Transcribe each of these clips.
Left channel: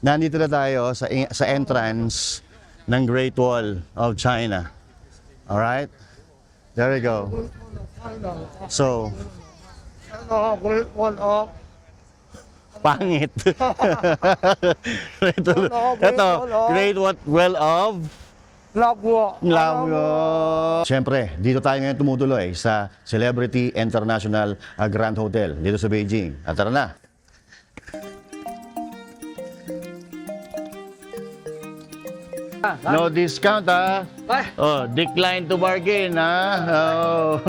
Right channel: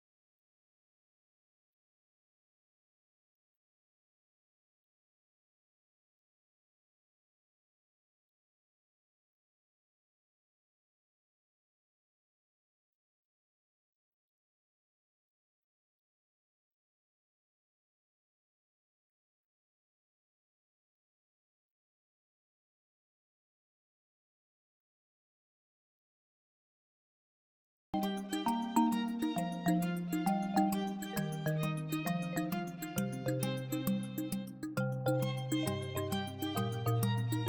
Nandito na tayo sa entrance ng Great Wall of China. Alright? There we go. So, Great Wall of pangit. Ito, Great Wall of Labwa. Labgo. Siyempre, dito tayo ngayon tumutuloy sa Celebrity International Grand Hotel dito sa Beijing. At tara na. No discount Oh, decline to bargain Oh.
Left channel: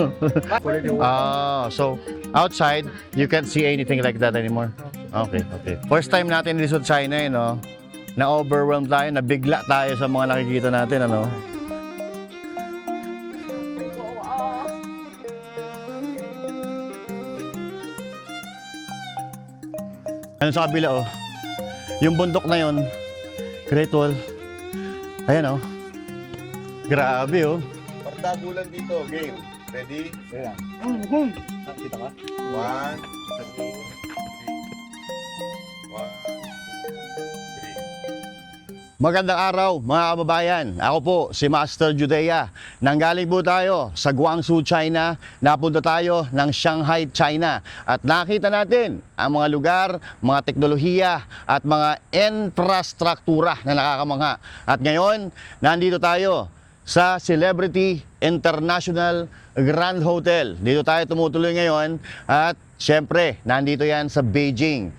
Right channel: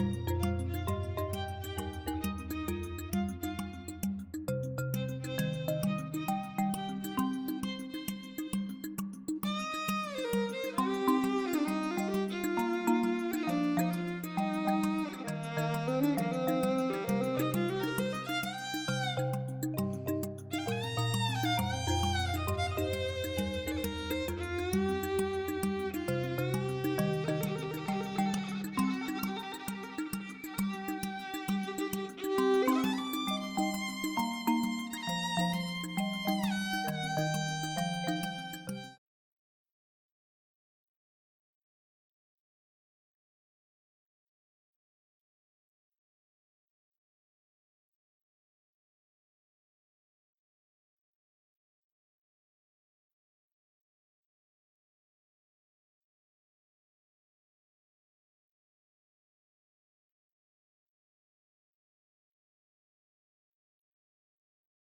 So outside you can't see anything like that anymore. Okay. First time natin dito sa China, no? Na-overwhelmed tayo, nabigla tayo sa mga nakikita natin, ano? Ano sa kabila, oh? Yung bundok na yun, Great Wall. Ayan, oh. Grabe, oh. Pagdagulan dito, game. Ready? Yeah. Nakita ka? 1, 2, 3. Magandang araw mga kababayan. Ako po si Master Judea. Nanggaling po tayo sa Guangzhou, China. Napunta tayo ng Shanghai, China. At nakita natin ang mga lugar, mga teknolohiya at mga infrastruktura na nakakamangha. At ngayon, nandito tayo sa Celebrity International Grand Hotel. Dito tayo tumutuloy ngayon at syempre, nandito yan sa Beijing.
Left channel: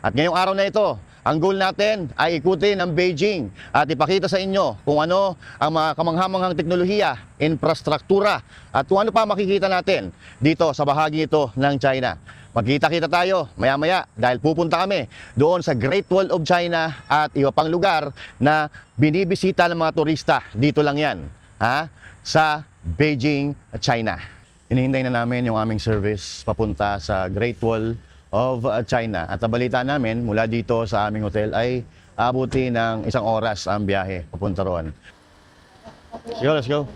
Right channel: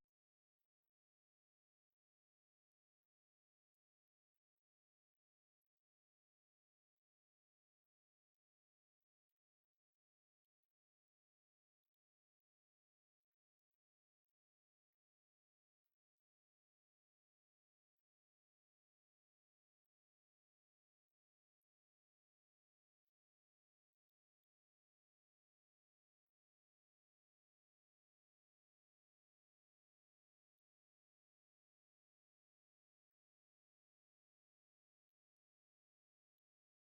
At ngayong araw na ito, ang goal natin ay ikutin ang Beijing at ipakita sa inyo kung ano ang mga kamanghamanghang teknolohiya, infrastruktura at kung ano pa makikita natin dito sa bahagi ito ng China. Magkita-kita tayo maya-maya dahil pupunta kami doon sa Great Wall of China at iba pang lugar na binibisita ng mga turista. Dito lang yan, sa Beijing, China. Hinihintay na namin yung aming service papunta sa Great Wall of China. At ang balita namin mula dito sa aming hotel ay abuti ng 1 oras ang biyahe papunta roon. Let's go.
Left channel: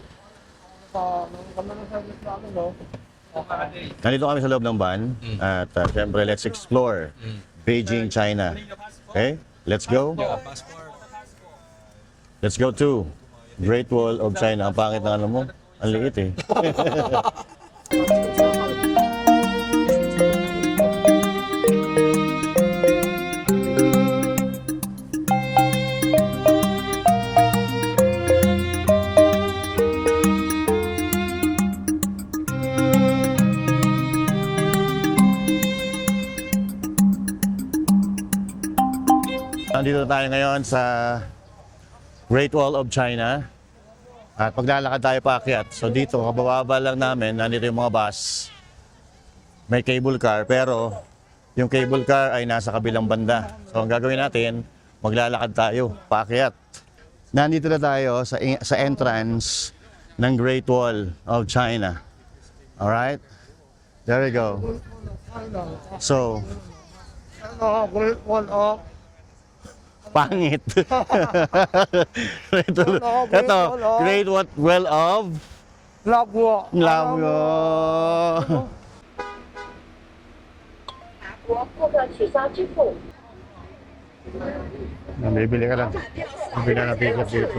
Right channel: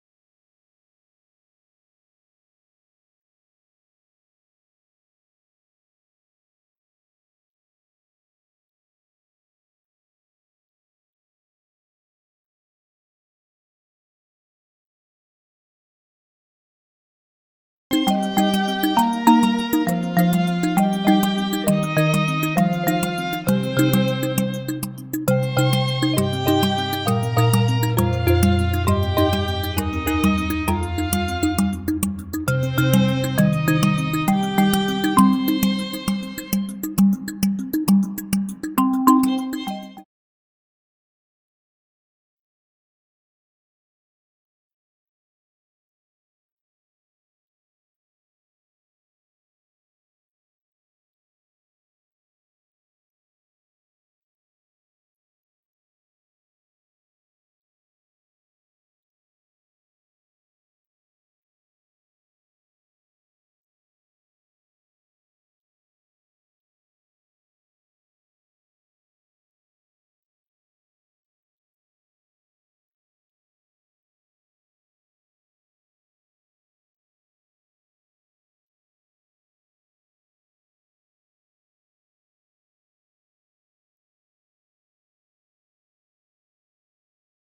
Nandito kami sa loob ng van at syempre let's explore Beijing, China. Okay? Let's go. Let's go to Great Wall of China. Ang pangit na ano mo. Ang liit eh. Nandito tayo ngayon sa Great Wall of China at paglalakad tayo paakyat. So dito, kabababa lang namin, nandito yung mga bus. May cable car pero yung cable car ay nasa kabilang banda. So ang gagawin natin, maglalakad tayo paakyat. Nandito na tayo sa entrance ng Great Wall of China. Alright? There we go. So, Great Wall of pangit. Ito, Great Wall of Labwa. Labgo. 国顾客取消支付。 Bibili ka lang. Bibili ka ng ticket dito.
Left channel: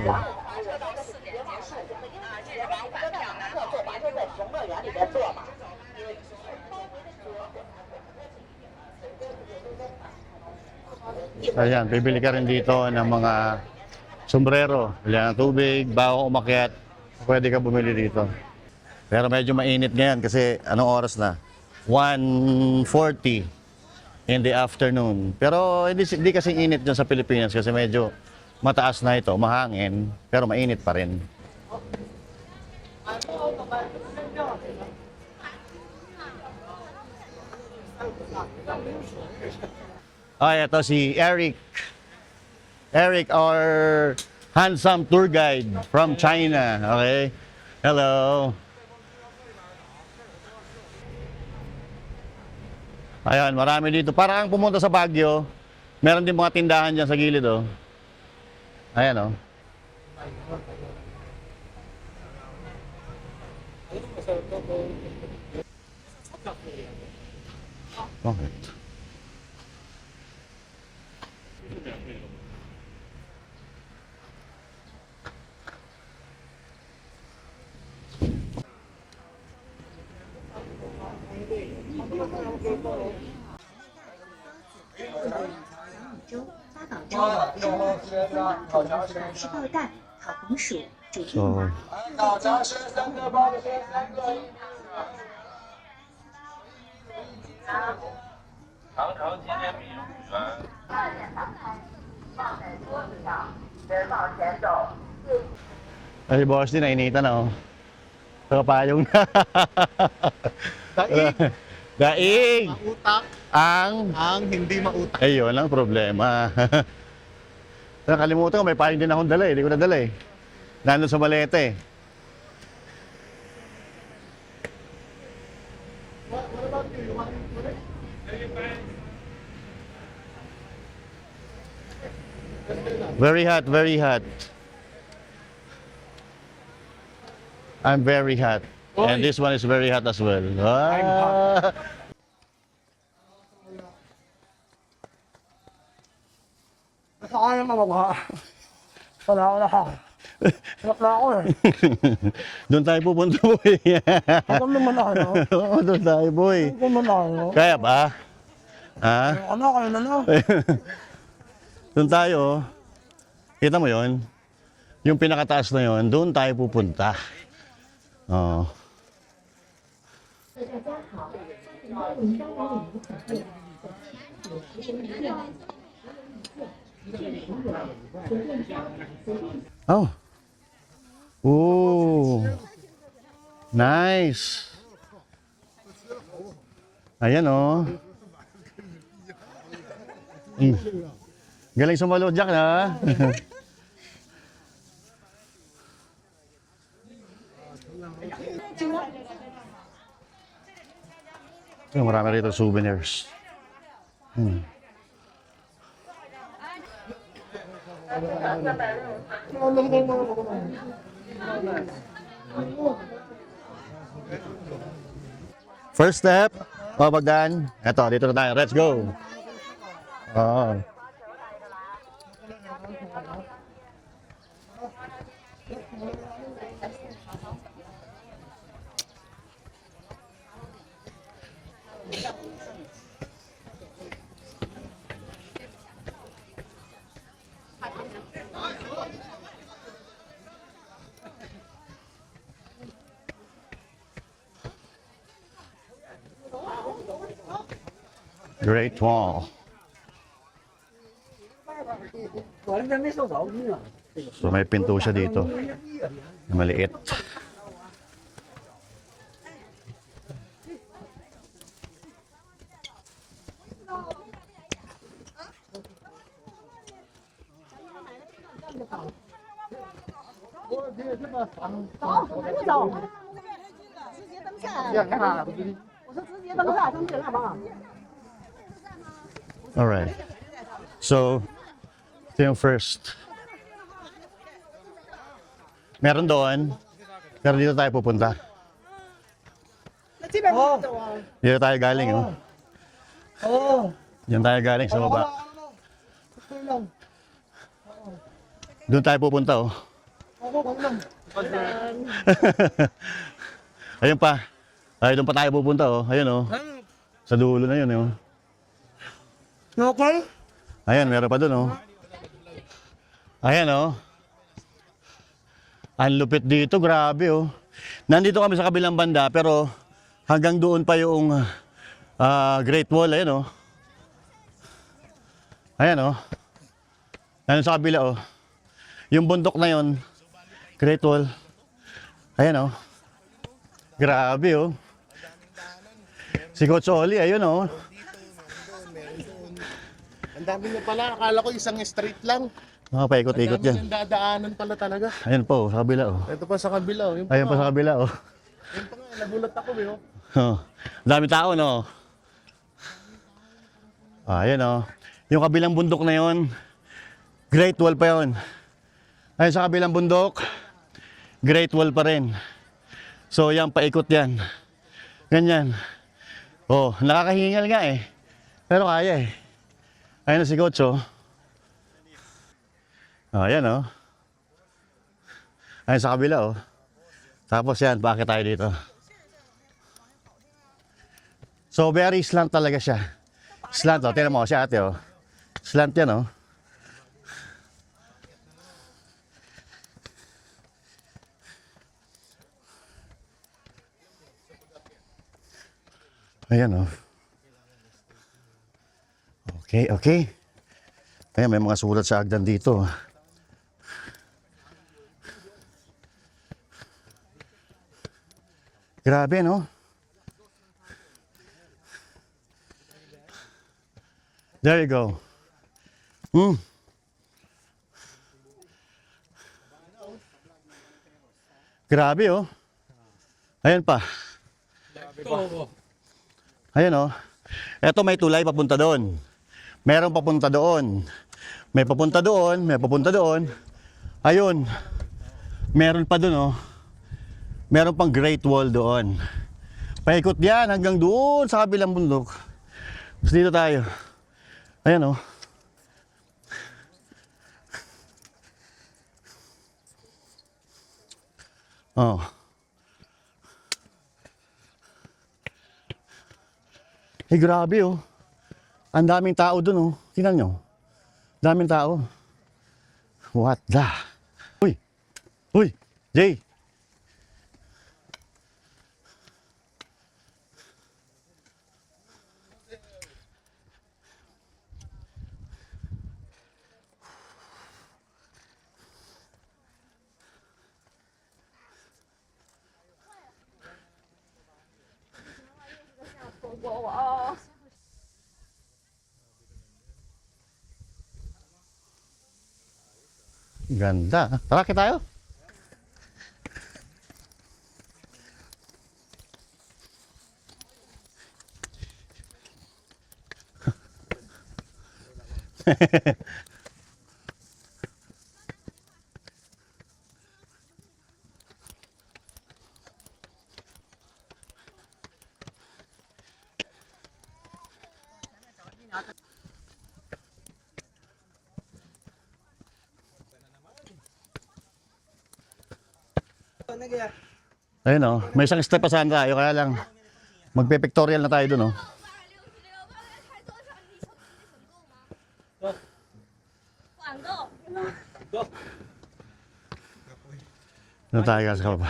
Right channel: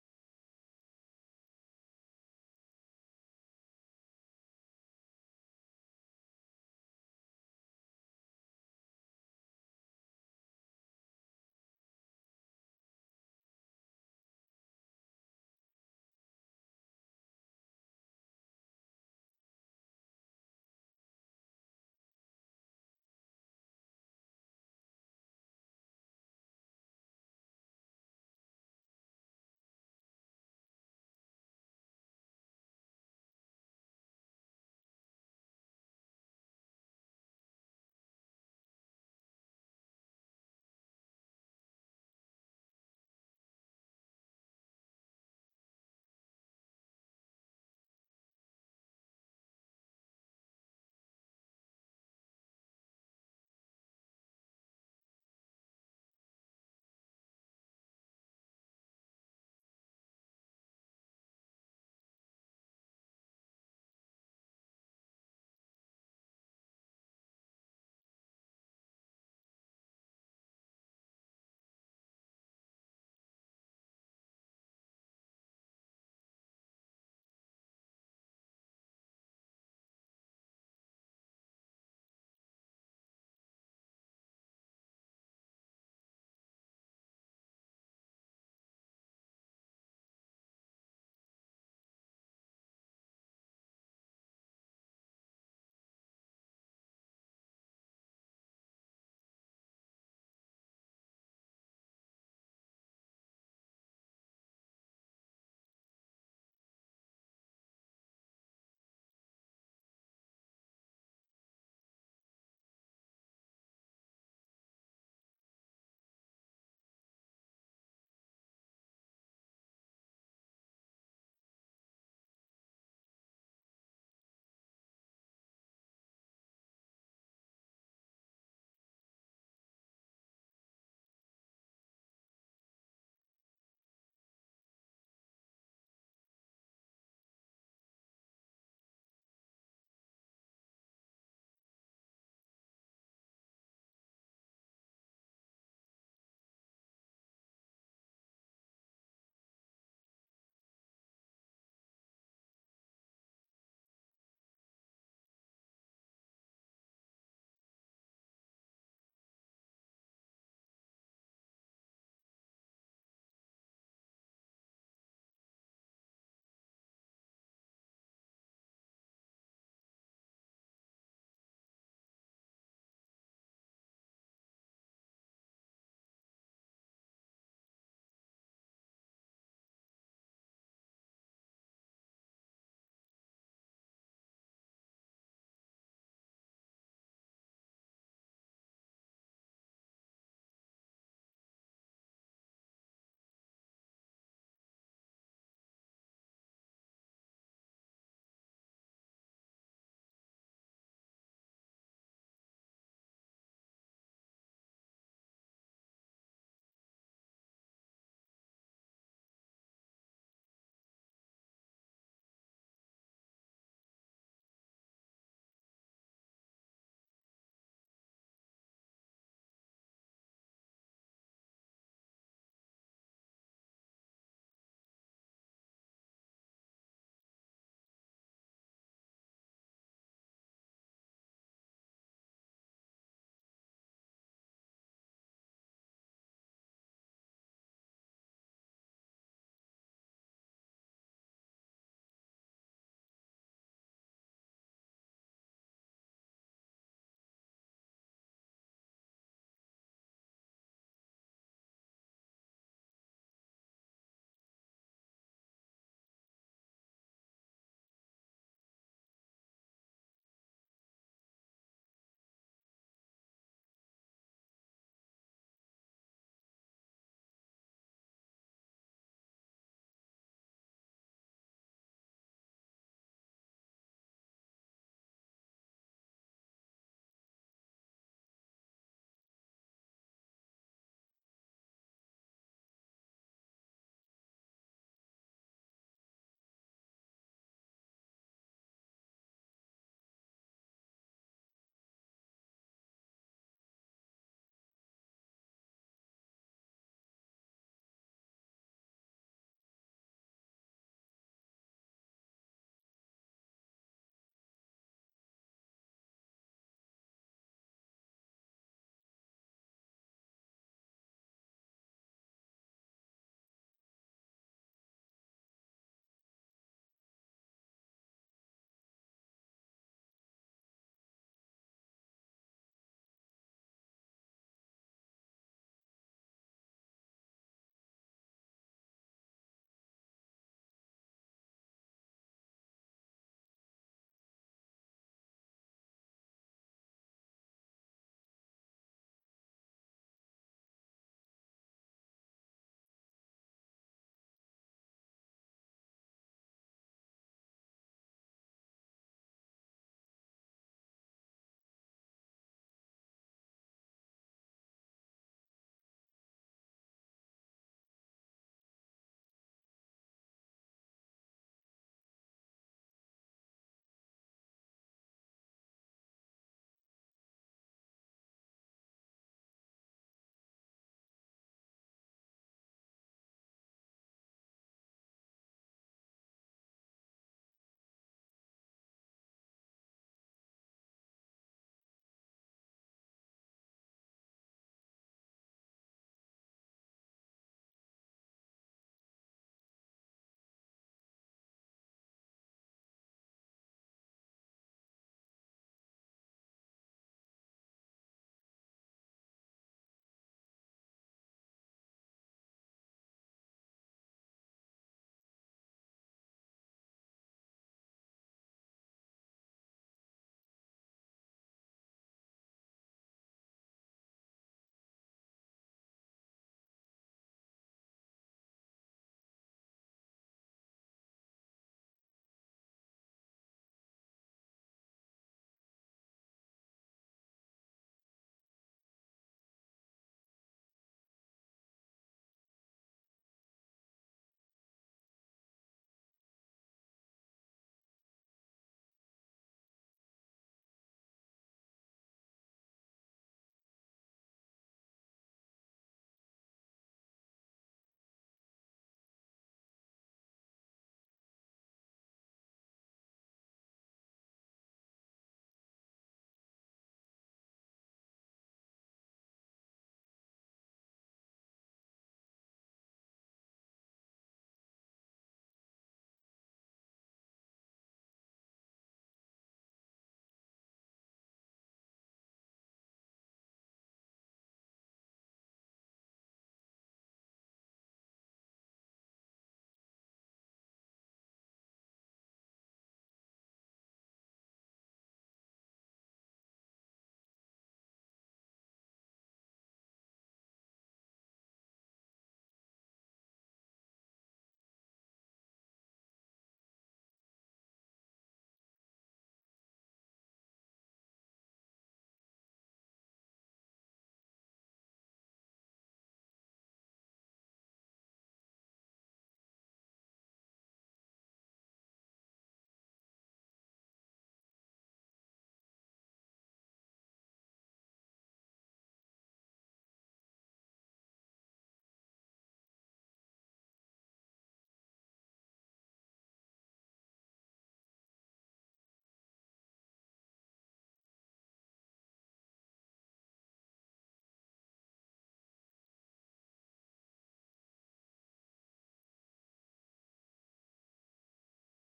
Ayan, bibili ka rin dito ng mga sombrero, ilan ng tubig, bago umakyat, pwede ka bumili dito. Pero medyo mainit ngayon kasi anong oras na? 1:40 in the afternoon. Pero hindi kasi init dyan sa Pilipinas kasi medyo mataas na ito, mahangin, pero mainit pa rin. Ay, ito si Eric. Eric, our handsome tour guide from China. Okay? Hello. Ayan, marami dito. Parang pumunta sa Baguio, meron din mga tindahan dyan sa gilid, oh. Ayan, oh. Bakit?是爆弹、烤红薯、煮地 So, 马、ay, boss din, nainitan na, oh. Sa kapayong na. Daig, Daig! utak, Ang... ang hindi mautak. Ayun ang problema. Nakalimutan ko, may payong din akong dala, eh. Hindi ko nadala, eh. Nandun sa maleta, eh. Very hot, very hot. I'm very hot. And this one is very hot as well. Ah. Basta kaya mamagawa. Wala ako na ako. Hirap na ako eh. Doon tayo pupunta, boy. Ako naman ako, no? Oo, doon tayo, boy. Ako naman ako, no? Kaya ba? Ha? Ano, kayo na no? Doon tayo. Kita mo yon? Yung pinakataas na yon, doon tayo pupunta. Oo. 大家好，欢迎光临我们。 Oh. Oh. Nice. Ayan, oh. Galing sumalo, Jack, na. Marami rito souvenirs. First step, Bagdan. Eto, dito na tayo. Let's go. Oo. Great Wall. So may pinto siya dito. Na maliit. Alright. So, ito yung first. Meron doon. Pero dito tayo pupunta. Dito tayo galing, oh. Oo. Diyan tayo galing sa baba. Ito lang. Doon tayo pupunta, oh. Ako lang. Ayun pa. Ay, doon pa tayo pupunta, oh. Ayun, oh. Sa dulo na yun, oh. Okay? Ayan, meron pa doon, oh. Ayan, oh. Ang lupit dito, grabe, oh. Nandito kami sa kabilang banda, pero hanggang doon pa yung Great Wall, ayan, oh. Ayan, oh. Nandun sa kabila, oh. Yung bundok na yon, Great Wall. Ayan, oh. Grabe, oh. Si Coach Oli, ayun, oh. Ang dami niya pala, akala ko isang street lang. Mga paikot-ikot Ang dami yan. niyang dadaanan pala talaga. Ayun po, sa kabila, oh. Ito pa sa kabila, oh. Yung Ayun pa sa kabila, oh. Yung pa nga, nagulat ako, oh. Oh. Dami tao, no? Ayan oh. Yung kabilang bundok na yon, Great Wall pa yon. Ayun sa kabilang bundok, Great Wall pa rin. So yan, paikot yan. Ganyan. Oh, nakakahingal nga eh. Pero kaya eh. Ayun na si Coach oh. Ayan oh. Ayun sa kabila oh. Tapos yan, bakit tayo dito? So very slant talaga siya. Slant oh, tingnan mo si ate oh. Slant yan oh. Ayan oh. Okay, okay. Ayan, may mga sulat sa hagdan dito. Grabe no? There you go. Grabe oh. Ayan pa. Ayan oh. Eto may tulay papunta doon. Merong papunta doon. May papunta doon, may papunta doon. Ayun. Meron pa doon oh. Meron pang Great Wall doon. Paikot yan hanggang doon sa kabilang bundok. Tapos dito tayo. Ayan oh. Oh. Eh grabe oh. Ang daming tao dun oh. Tingnan nyo. Daming tao. What the? Uy! Uy! Jay! Ganda. Tara, kita tayo. Ayun oh, may isang step pa saan tayo, kaya lang magpe-pictorial na tayo dun oh. Ano tayo kasi ka pa?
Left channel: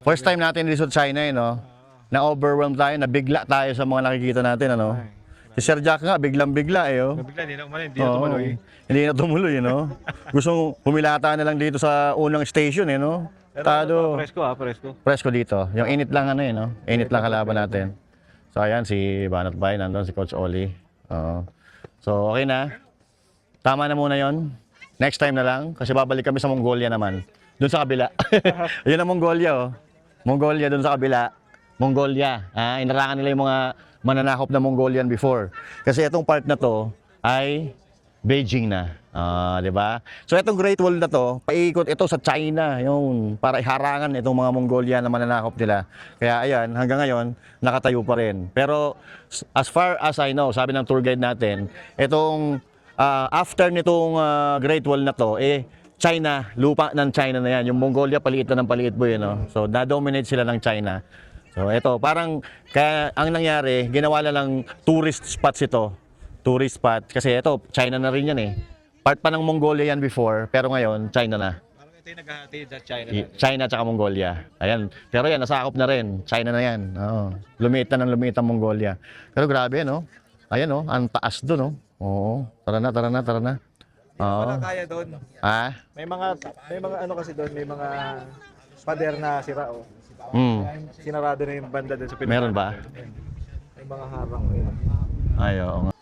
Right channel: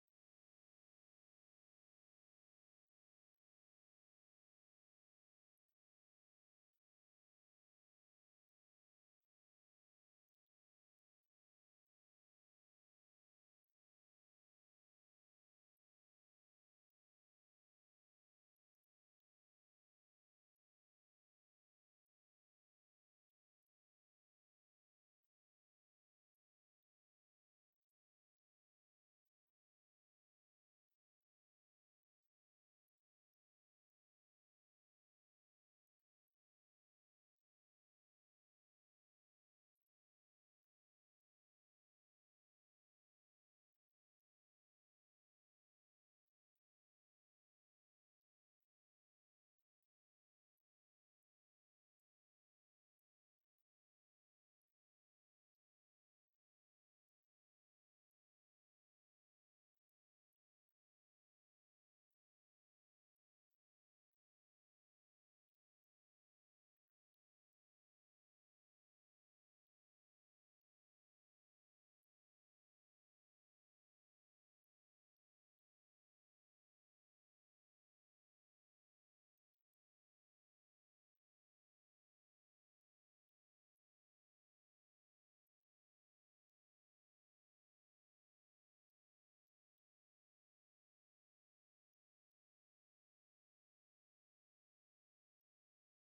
First time natin dito sa China eh, no? Na-overwhelmed tayo, nabigla tayo sa mga nakikita natin, ano? Si Sir Jack nga, biglang-bigla eh, oh. Bigla, hindi na umali, hindi na tumuloy. Hindi na tumuloy, no? Gusto humilata na lang dito sa unang station, eh, no? Tado. Presko presko. Presko dito. Yung init lang ano, eh, no? Init lang kalaban natin. So, ayan, si Banat Bay, nandun, si Coach Oli. Oo. So, okay na. Tama na muna yon. Next time na lang, kasi babalik kami sa Mongolia naman. Doon sa kabila. Yun ang Mongolia, oh. Mongolia, doon sa kabila. Mongolia. Inarangan nila yung mga mananakop na Mongolian before. Kasi itong part na to ay Beijing na. Di ba? So itong Great Wall na to, paikot ito sa China, yung para iharangan itong mga Mongolia na mananakop nila. Kaya ayan, hanggang ngayon, nakatayo pa rin. Pero as far as I know, sabi ng tour guide natin, itong after nitong Great Wall na to, China, lupa ng China na yan. Yung Mongolia, paliit na ng paliit po yun. No? So, na-dominate sila ng China. So, ito, parang, kaya ang nangyari, ginawa na lang tourist spots ito. Tourist spot. Kasi ito, China na rin yan eh. Part pa ng Mongolia yan before, pero ngayon, China na. Parang ito yung naghahati sa China. China at saka Mongolia. Ayan. Pero yan, nasakop na rin. China na yan. Oo. Lumiit na ng lumiit ang Mongolia. Pero grabe, no? Ayan, no? Ang taas doon, no? Oo. Tara na, tara na, tara na. Oo. Wala kaya doon. Ha? May mga ano kasi doon, may mga pader na sira oh. Sinarado na yung banda doon sa Pilipinas. Meron ba? May mga harang. Ay, oo nga.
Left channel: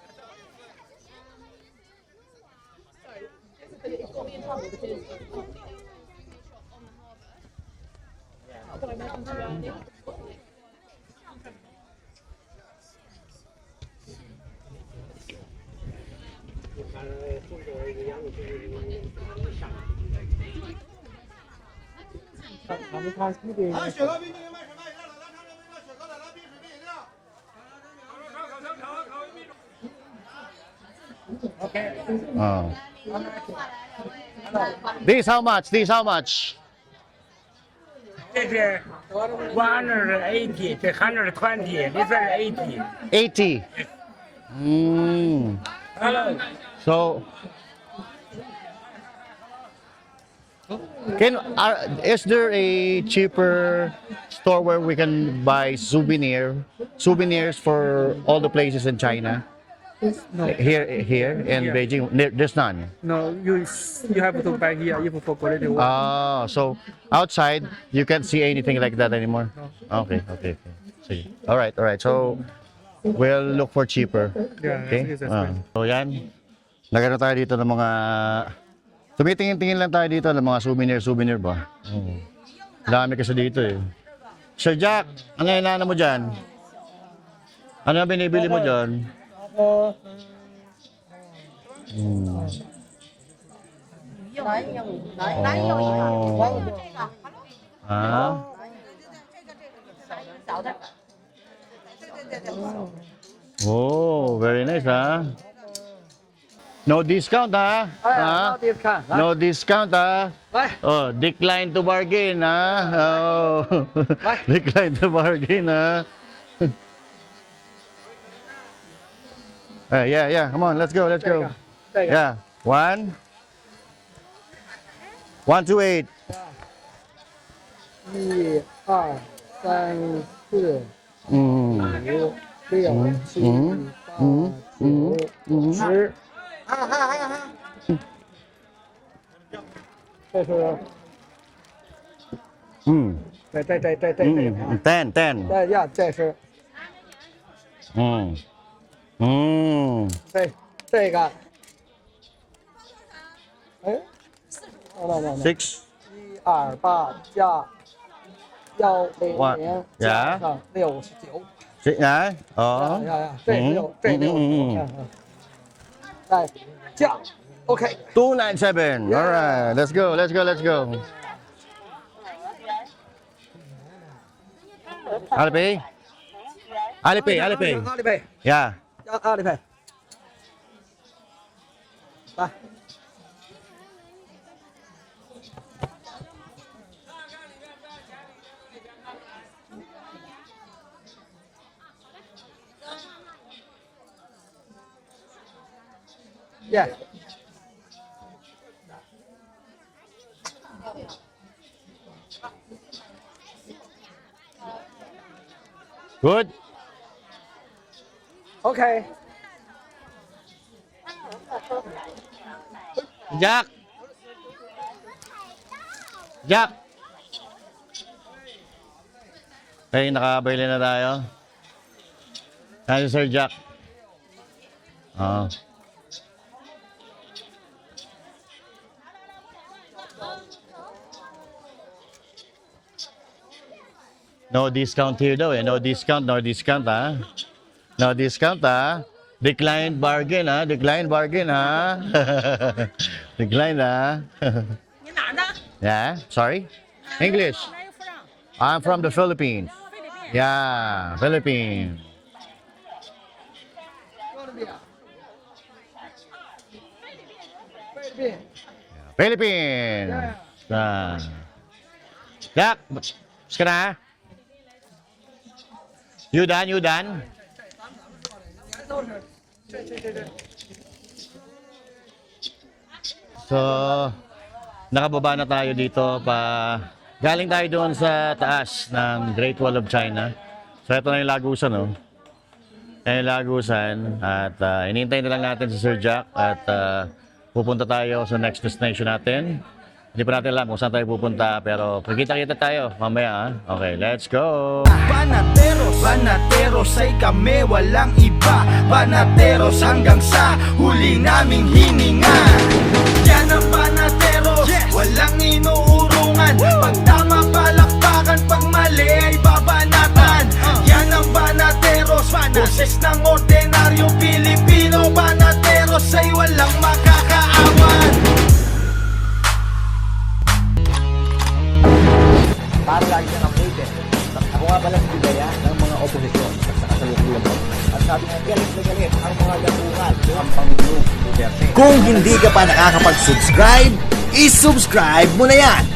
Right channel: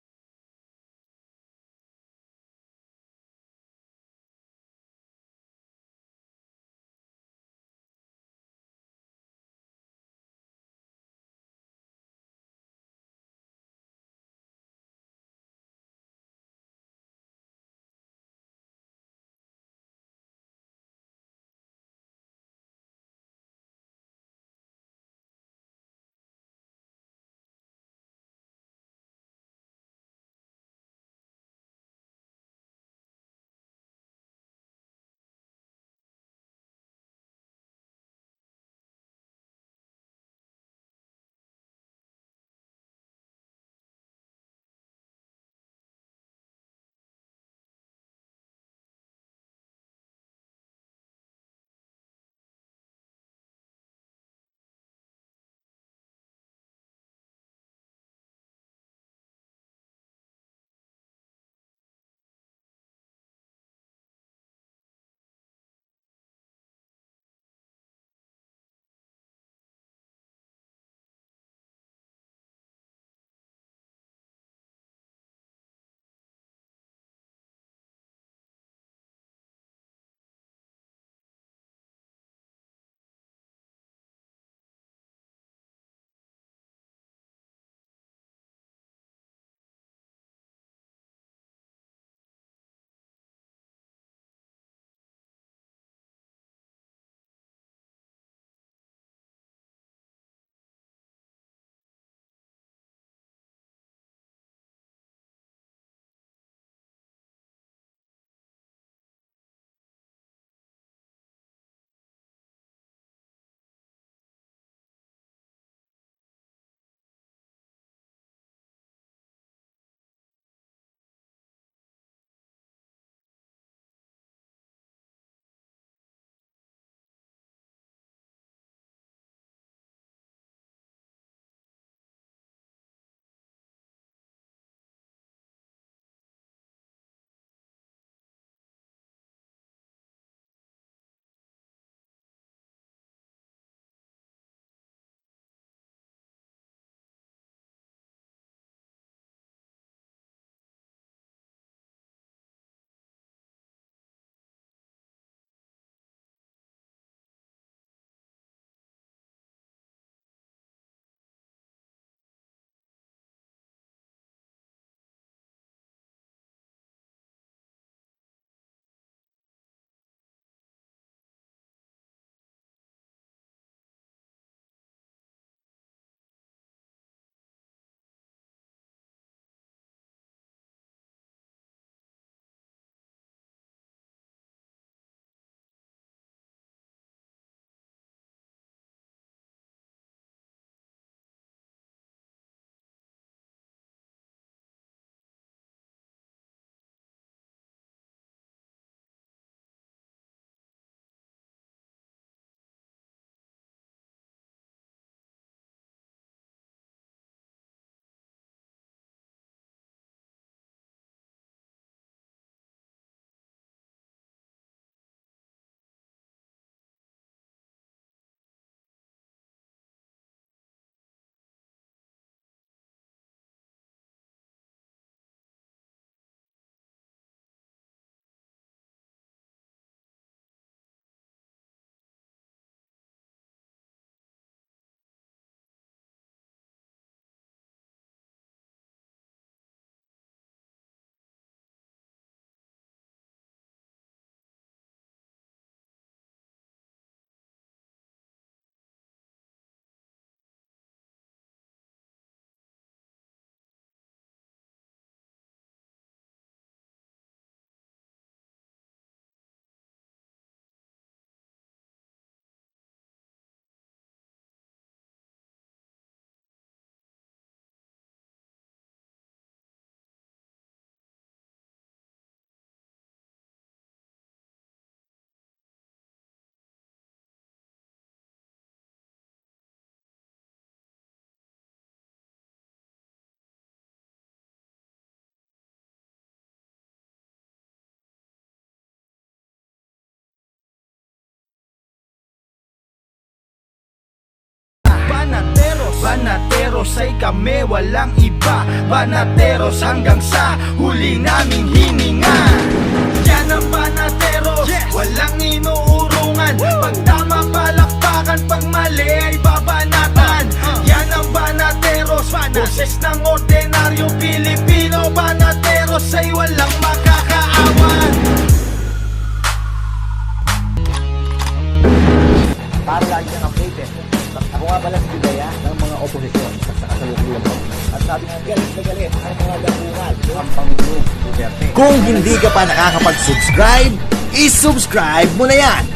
咱们看西北。Oh. This how much? This how much? 这是180，这120，这是80。 80. Mm. So, is there a cheaper store where we can buy souvenirs for all the places in China? No, Here in Yeah. Beijing, there's none. no, you have to buy here if for quality work. Ah, so outside you can't see anything like that anymore. Okay. See. All right. So we'll look for cheaper. Yeah, Okay. that's fine. So yan. Nagano tayo dito ng mga tumitingin-tingin lang tayo dito ng mga souvenir ba? Oh. Dami kasi dito eh. Sir Jack, ano yung inaano mo dyan? Ano yung binibili mo dyan? Hmm. Oh. Ah? Oh, very nice ha. No discount ha? Ha? No discount ha? Oh, decline to bargain ha? Oh. Decline to bargain ha? Yeah. Come on, let's go. Yeah. 1, 1 to 8. 1、2、3、4、嗯5、6、7、8、9、10。这是嗯对， 10. 这是这个，哎6. 128加100加上69， Yeah. Oh. 这6，这6，再加 ，OK。 297. All right. Let's go. Alipay. Alipay， Yeah. 加Alipay，来。Yeah. Good. Okay. Jack. Okay, nakabili na tayo. Ano Sir Jack? Ah. No discount here daw eh. No discount ha. No discount ha. Declined bargain ha. Decline ha. Yeah, sorry? English. I'm from the Philippines. Yeah, Philippines. Philippines. Ah. Jack, mas ka na? You done? So, nakababa na tayo dito galing tayo doon sa taas ng Great Wall of China. So, ito na yung lagusan, no? Yan yung lagusan. At inintay na lang natin si Sir Jack at pupunta tayo sa next destination natin. Hindi pa natin alam kung saan tayo pupunta pero pagkita-kita tayo mamaya ha. Okay, let's go! Banateros ay kami, walang iba. Banateros hanggang sa huli naming hininga. Yan ang Banateros, walang inuurungan. Pag tama palakpakan, pag mali ay babanatan. Yan ang Banateros, boses ng ordinaryo Pilipino. Banateros ay walang makakaawan. lagi kang updated. Ako nga pala si Bigaya ng mga oposisyon sa kasalukuyan mo. At sabi nga, galit na galit ang mga dapungan ang Pangulong Duterte. Kung hindi ka pa nakakapag-subscribe, isubscribe mo na yan!